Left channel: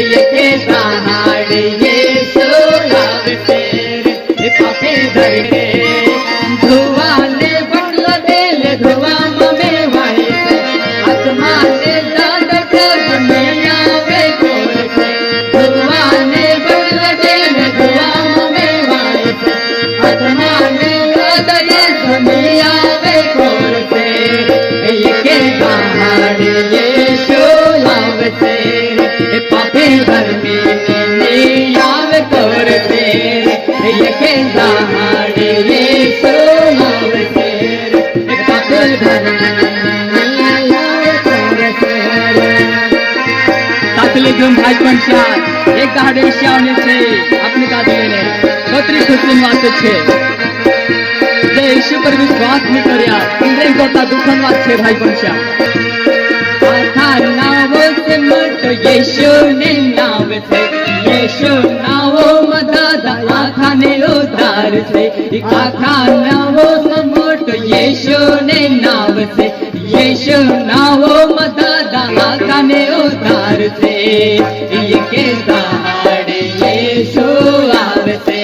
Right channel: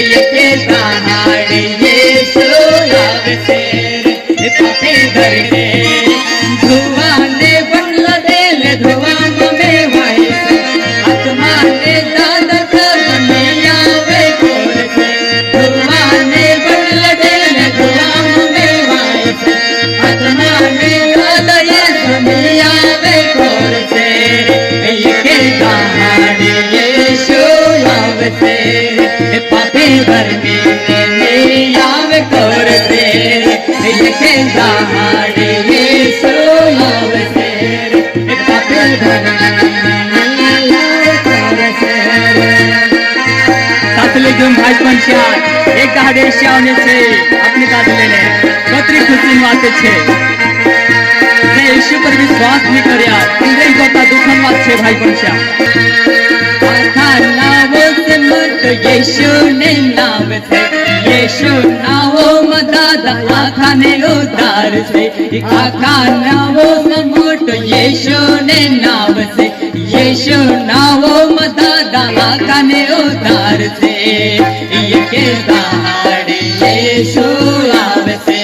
येके दहाड़े यीशु आवसे रे पापी धरते धुआं ने बटला देले धुआं में वाई से आत्मा ने दादा कर में आवे कोर से धुआं ने बटला देले धुआं में वाई से आत्मा ने दादा ये में आवे कोर से येके दहाड़े यीशु आवसे रे पापी धरते आवे कोर से येके दहाड़े यीशु आवसे रे पापी धरते आवे कोर से साथले घेऊन भाई पंचा एक दहाड़े श्यावने छे अपने दादलेने कतरी खुशी वाते छे जे यीशु पर विश्वास नहीं कर्या इंद्रे गोता दुखन वात छे भाई पंचा आखा नाव से मत यीशु ने नाव से यीशु नाव मदादा आखा ने उधार से आखा नाव से मत यीशु ने नाव से यीशु नाव मदादा आखा ने उधार से येके दहाड़े यीशु आवसे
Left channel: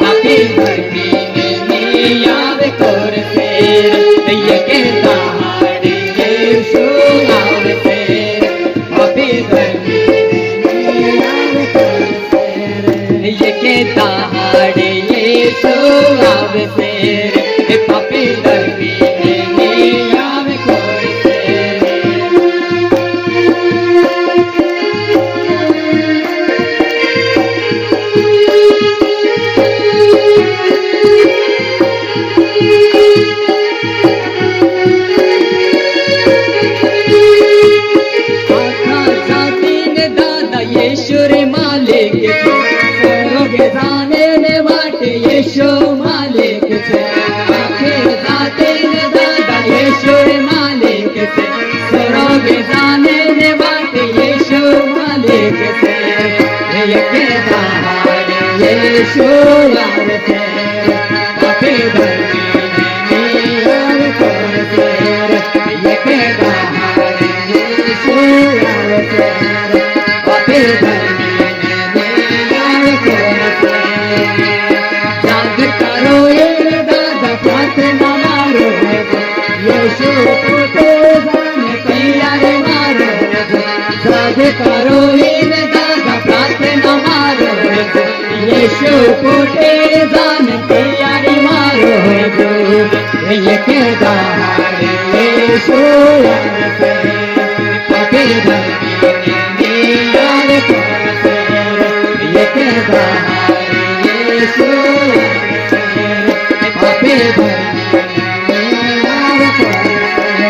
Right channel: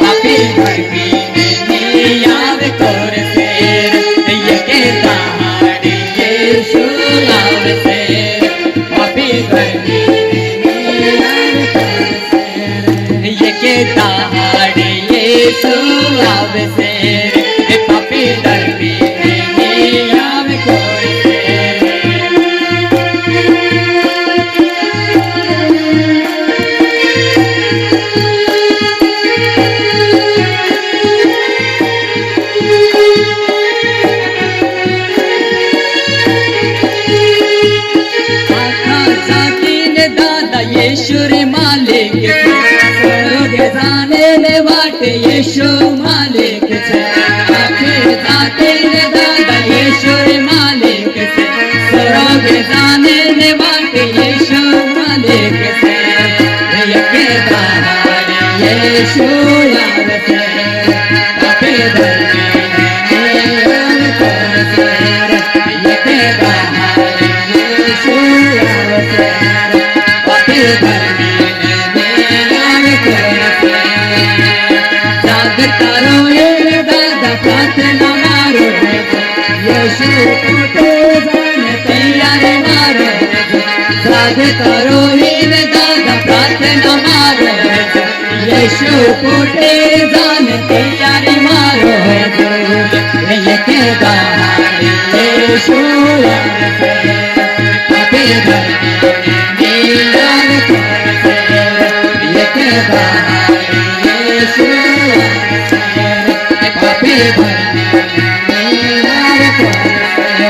पापी धरती आवे कोर से येके दहाड़े यीशु आवसे पापी धरती आवे कोर से येके दहाड़े यीशु आवसे पापी धरती आवे कोर से यीशु रे मालिक स्वर्ग जाने ने बाटे यीशु मालिक से आखिर जाते ने दादा यीशु रे मालिक से स्वर्ग जाने ने बाटे यीशु मालिक से येके दहाड़े यीशु आवसे पापी धरती आवे कोर से येके दहाड़े यीशु आवसे जागता रोए दादा हाथ न मारो यीशु पोते जाने तैयारी मारो जागता रोए दादा हाथ न मारो यीशु पोते जाने तैयारी मारो येके दहाड़े यीशु आवसे पापी धरती आवे कोर से येके दहाड़े यीशु आवसे पापी धरती आवे कोर से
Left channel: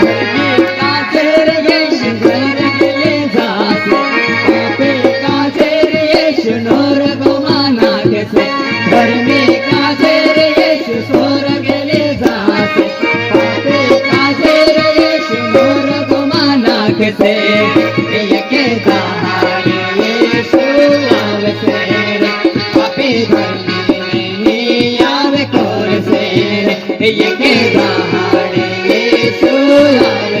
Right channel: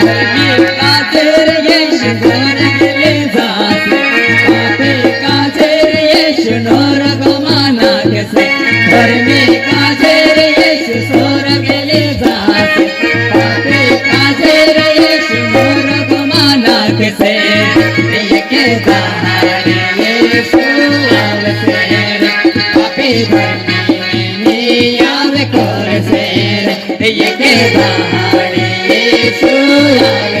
धर्मी काजेर यीशु स्वर्ग ले जासे पापी काजेर यीशु नरक माना से धर्मी काजेर यीशु स्वर्ग ले जासे पापी काजेर यीशु नरक माना से येके दहाड़े यीशु आवसे पापी धरती आवे कोर से येके दहाड़े यीशु आवसे